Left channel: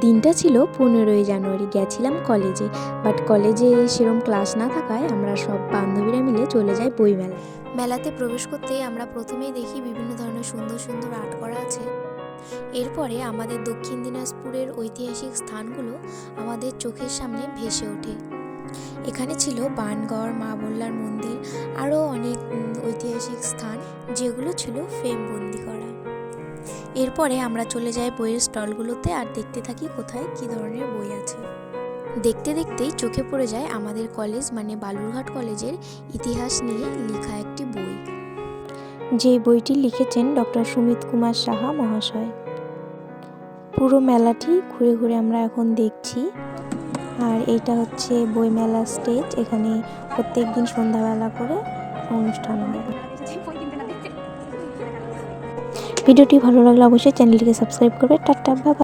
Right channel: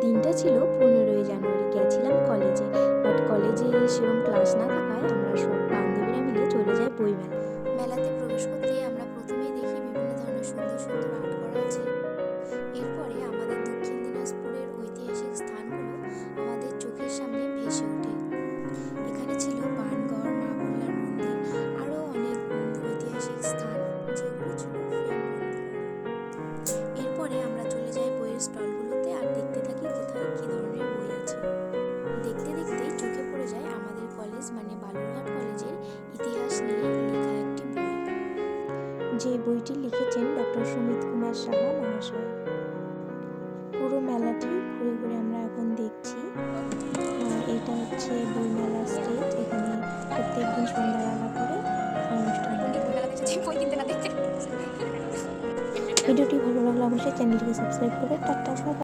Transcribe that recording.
দিনটা ছিল 15ই জানুয়ারি, গেছিলাম কলেজে। বাট কলেজে সেরকম ক্লাস না থাকায় আমরা সব বান্ধবীরা মিলে চলে যাই বইমেলা। মেলাতে প্রবেশ করতেই আমরা প্রথমেই দেখি বিভিন্ন ধরনের সুন্দর সুন্দর আর্ট করা আছে। এরপরে আমাদের দক্ষিণ দিনাজপুরের ঐতিহাসিক স্থানগুলো আমাদের চোখের সামনে ভেসে ওঠে। এখানে ছিল বাণগড়, মা বল্লার মন্দির, আরও অনেক ঐতিহাসিক স্থান যেগুলো ছিল ফ্রেমবন্দি করা। এরপরে আমরা চলে যাই বইয়ের স্টলগুলোতে আর দেখতে থাকি কোথায় কী ধরনের বই আছে। দেখতে দেখতেই চোখে পড়ে যায় আমাদের কলেজ মানে বালুরঘাট কলেজের ইতিহাস নিয়ে লেখা একটি বই, যে বইটি লিখেছেন ডক্টর সুমিত কুমার সাহা মহাশয়। পুরো মেলাটি ঘুরে ঘুরে আমরা এখন দেখছি। আর এটা হচ্ছে বইমেলা স্টেজ, এখানে প্রত্যেকদিন সন্ধ্যাবেলা করে অনুষ্ঠান হয়। ভিডিওটি ভালো লাগলে অবশ্যই চ্যানেলটিকে সাবস্ক্রাইব করবে। Tata, bye bye.